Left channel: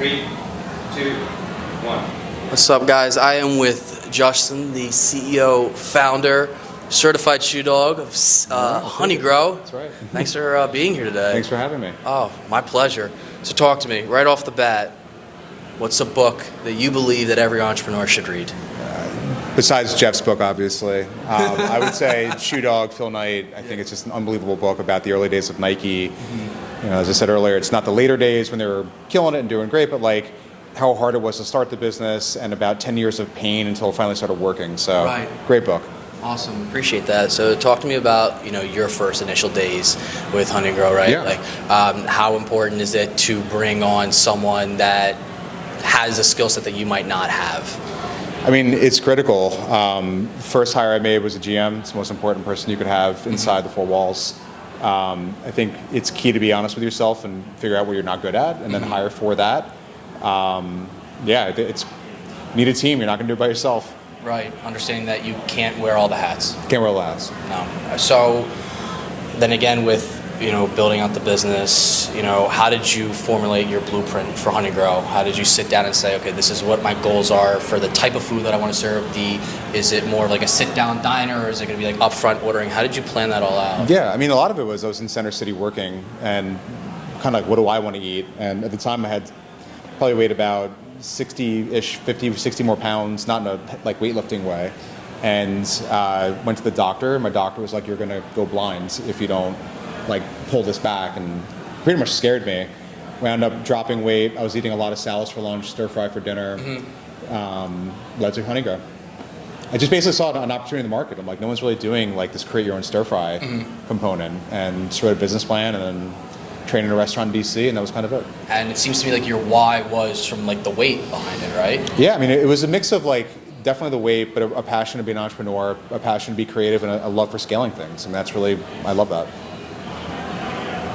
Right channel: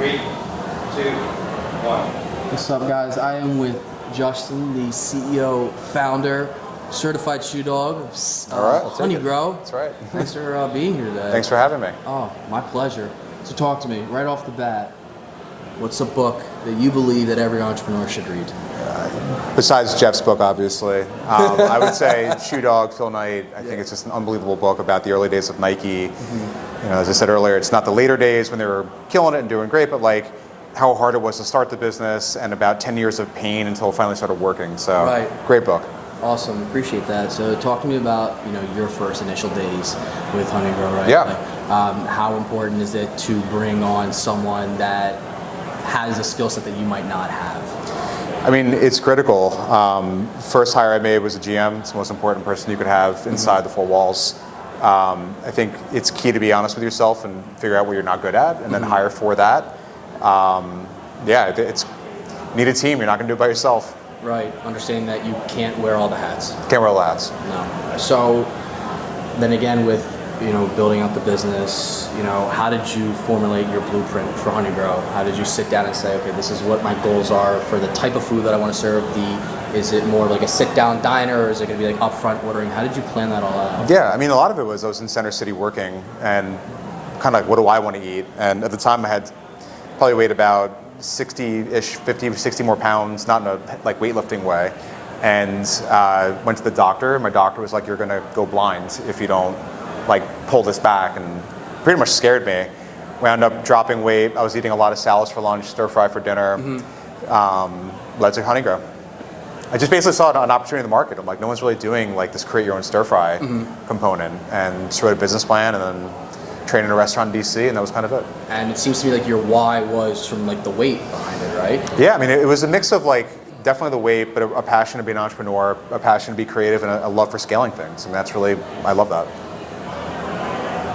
3, 2, 1. What's up, guys? I am with Justin, the CEO, founder, certified shoe dog of honeygrow. That's right. Thanks for being here today. Thanks for having me. Oh, my pleasure. So talk to me right off the bat. What's a book that you believe that every entrepreneur should read? Besides Jeff's book, obviously, I would say Shoe Dog, Phil Knight. I think it's just an unbelievable book about the early days of Nike. Mm-hmm. You know, as I said earlier, it's not the later days when they were killing it and doing great, but like how hard it was to start the business and about 10 years of pain until it finally started working. So, right. Great book. Awesome, appreciate that. So talk to me about, your first initial days with honeygrow, right? Yeah. Like, how important is it to bring on someone that has a skill set that you might not have? I mean, it's critical. First hire I made was a GM. It's the most important person you could have inside the four walls. I think it's key to be honest with yourself and figure out where you're not good at, and then hire for that. It's need a team. You're not going to do it by yourself. Right. Understanding that you can't wear all the hats. Can't wear all the hats. No. So then again, with building out the business, how did you formulate your blueprint for honeygrow? How did you sit down and say, okay, this is what my goals are for the type of food that I want to serve? Is it more like a sit-down diner, or is it going to be like upfront ordering? How did you plan that all out? Yeah, I mean, a lot of it was I was in Center City working and kind of like, what do I want to eat? And at the time I had probably weighed about 60-ish, 50, 60 more pounds, not in a like weightlifting way. And went to the doctor. My doctor was like, you're going to go blind if you don't like pull this back, and pretty much scared me. Wound up dropping weight. I was eating a lot of salads for lunch, stir fry for dinner. Led to honeygrow. I just basically saw an opportunity in the market. I'm like, no one's really doing like this create your own stir fry component, and just wrote a business plan and then trained in a restaurant in DC, and that was kind of it. And it seems to be like your why was from like the weight behind it, right? Yeah, I mean, it was a mix of like definitely the weight, but a passion to be an entrepreneur, a passion to be creative, and a love for scaling things. And that's really, I love that.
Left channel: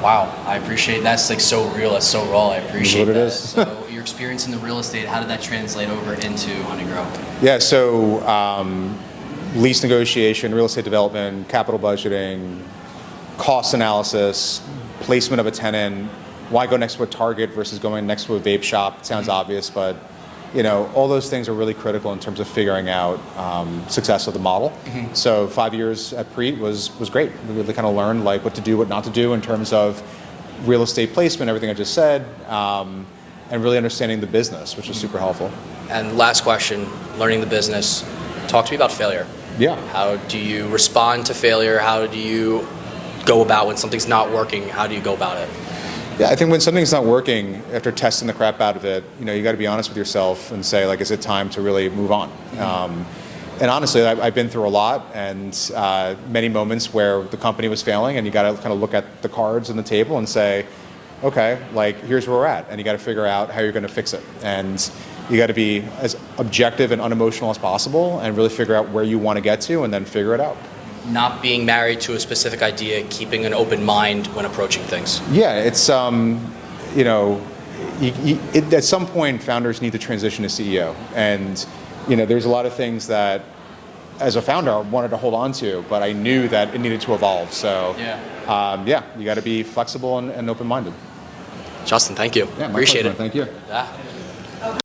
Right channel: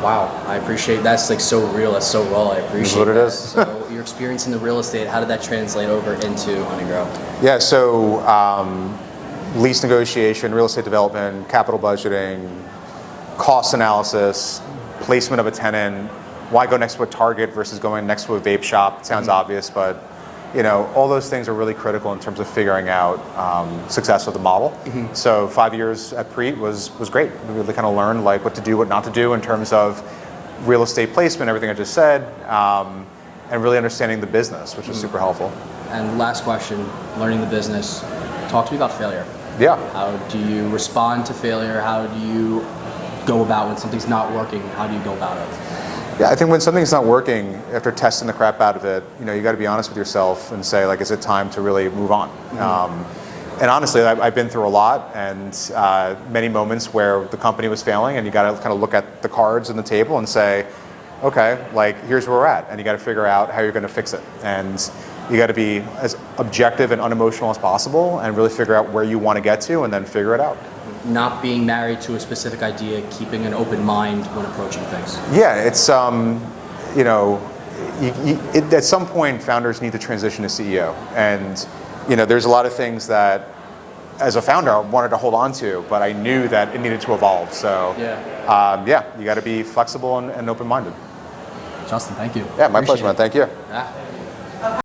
Wow, I appreciate that's like so real, that's so raw. I appreciate what it that. is. So your experience in the real estate, how did that translate over into honeygrow? Yeah, so lease negotiation, real estate development, capital budgeting, cost analysis, placement of a tenant, why go next to a Target versus going next to a vape shop. It sounds obvious, but all those things are really critical in terms of figuring out success of the model. So 5 years at Preet was great. We really kind of learned like what to do, what not to do in terms of real estate placement, everything I just said, and really understanding the business, which is super helpful. And last question, learning the business. Talk to me about failure. Yeah. How do you respond to failure? How do you go about when something's not working? How do you go about it? Yeah, I think when something's not working, after testing the crap out of it, you got to be honest with yourself and say, like, is it time to really move on? And honestly, I've been through a lot, and many moments where the company was failing, and you got to kind of look at the cards on the table and say, okay, like, here's where we're at, and you got to figure out how you're going to fix it. And you got to be as objective and unemotional as possible, and really figure out where you want to get to, and then figure it out. Not being married to a specific idea, keeping an open mind when approaching things. Yeah, it's at some point founders need to transition to CEO, and there's a lot of things that as a founder I wanted to hold on to, but I knew that it needed to evolve. So you got to be flexible and open-minded. Justin, thank you. Yeah, my Appreciate pleasure, man. Thank you. Yeah.